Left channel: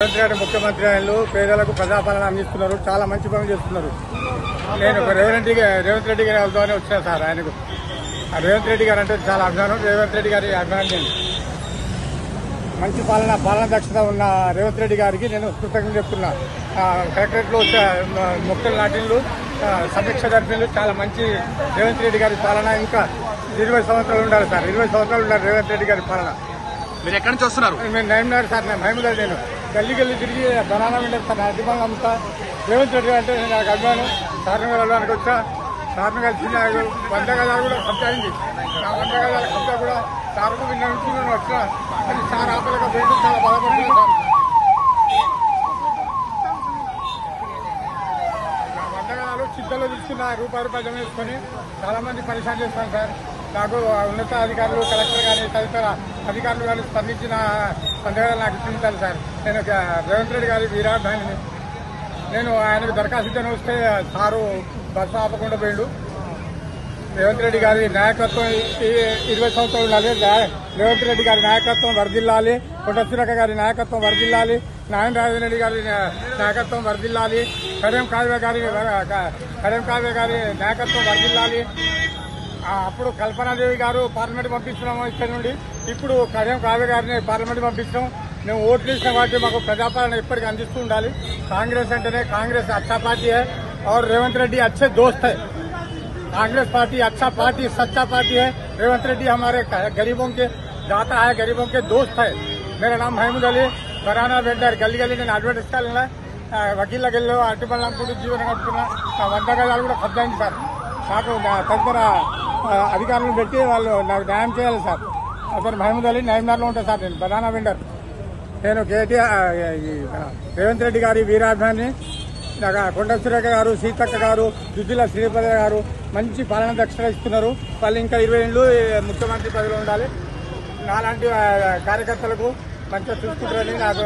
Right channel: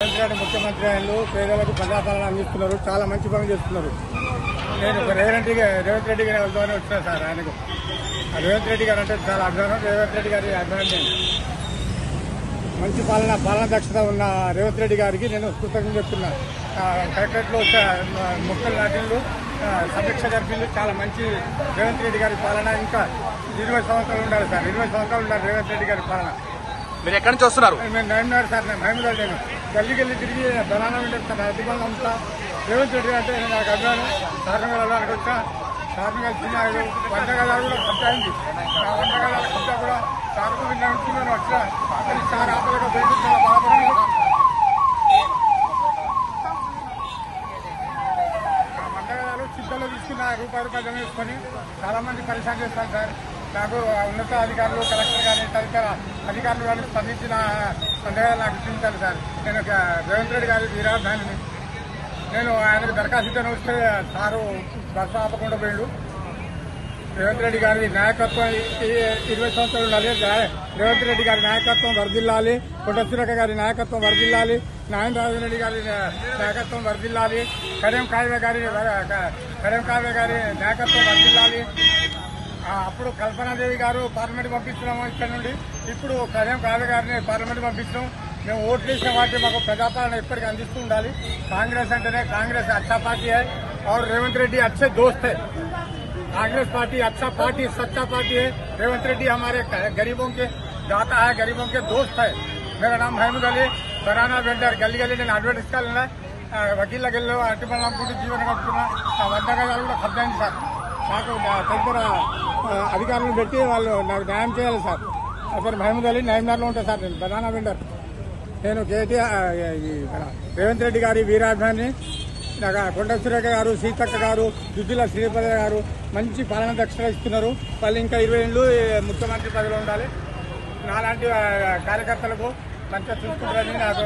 ముఖ్యమంత్రి పేదలకు ప్రజాపాలన అందిస్తున్నారు. చాలా మంచి పనులు చేస్తున్నారు. నేను రేవంత్ రెడ్డి గారి అవుతామని వచ్చాను సార్. ఆయనకు రేవంత్ రెడ్డి గారు అంటే చాలా అభిమానం. రేవంత్ రెడ్డి గారి అభిమానం మంచి పాలన దక్షత ఉన్న రేవంత్ రెడ్డి గారికి నేను కృతజ్ఞత చెప్తున్నా. కలెక్టరేట్ లో మొక్కలు నాటిన్లు, సమీక్ష జరిపిన్లు చాలా మంచి రేవంత్ రెడ్డి గారి పాలన. ఇంకా 20 సంవత్సరాలు ఉండాలి సార్. 20 సంవత్సరాలు ఉండాలి రేవంత్ రెడ్డి గారి పాలన. మీరు ఎక్కడి నుంచి వస్తున్నారు? నేను నైన్మేర్ సార్. నేను భయములేదు. నేను గల్లీ తిరిగి బనానా ఉండేది సార్. నా అధికంగా అమ్ముతా. రేవంత్ రెడ్డి అంటే నేను నాకు అభిమానం. సార్ని వెళ్ళడానికి వచ్చా. సార్ని కలిసి వంటగల కూడా కొట్టాయింది. ఆ వంటగల కొట్టా కూడా సార్కు విన్నవించి నేను వచ్చా. అది సార్ ఆపలేక దేనికి చాలా బాధపడుతున్నాను సార్. ఆ వంటగలాలు చిత్తలో తీసుకున్న రూపాయలు జమ చేసుకుని చాలా మంది పరిశాన్ చేస్తాను సార్. నాకు ఉన్నత అధికారులు, కలెక్టర్ గారు, తదితర అధికారులు వాళ్ళు స్పందించిన సందర్భాలు నాకు ఇచ్చించాలి సార్. నేను రేవంత్ రెడ్డి గారి వీరాభిమానిని. నేను ఆయనకు దరఖాస్తు వస్తే సారు బస్సు ఆపకుండా పోయిండు. రేవంత్ రెడ్డి గారి నాయకత్వం 20 సంవత్సరాలు ఉండాలి. రేవంత్ రెడ్డి గారి నాయకత్వం వర్ధిల్లాలి. పుట్టసురక గారి నాయకత్వం వర్ధిల్లాలి. నారాయణ రాజరెడ్డి గారి నాయకత్వం వర్ధిల్లాలి. కరీం కావ్య గారి నాయకత్వం వర్ధిల్లాలి. అప్పుడు కల్పనాదేవి గారు పార్లమెంట్ పంపిస్తున్నాం ఇక్కడ నుండి. ఇప్పుడు కరీం కావ్య గారిని పార్లమెంట్ పంపిస్తున్నాం. మేము ఓట్లు ఇచ్చిన వాటి మాకు ప్రజాపాలన ఎప్పటికీ అందిస్తూ ఉండాలి. కాంగ్రెస్ అంటేనే కాంగ్రెస్ अच्छा पार्टी है और रेवंत रेड्डी अच्छे दोस्त है. कांग्रेस पार्टी अच्छा पार्टी, सच्चा पार्टी है. रेवंत रेड्डी हमारे गरीबों के दाता है, गरीबों के दोस्त है. मेरा नाम महमूद अली, बराना वेंडर. गली गली నేను అడ్వర్టైజ్ వకీళ్ళ గెల్లో అతిపల్లంపూడి జీవనం గడుపుతున్నా. వంటకాలు కూడా పద్దాయింది సార్. నాకు తదుపరి అధికారులను పెట్టి వాళ్ళు నాకు న్యాయం చేయాలి సార్. అసలు మహమూద్ అలీ నైమ్నార్లో ఉంటాను సార్. నేను బనానా వెండర్. నేను రేవంత్ రెడ్డి గారి వీరాభిమాని. నాకు కొండ సురేఖ గారు, సీతక్క గారు, దుద్దిల శ్రీపద గారు మంచి పాలన దక్షత ఇస్తున్నారు. వాళ్ళు ఇంకా 20 ఏళ్ళు ముఖ్యమంత్రి పదవిలో ఉండాలి. నాలాంటి కార్యకర్తలకు మంచిగా చూసుకుంటారని నాకు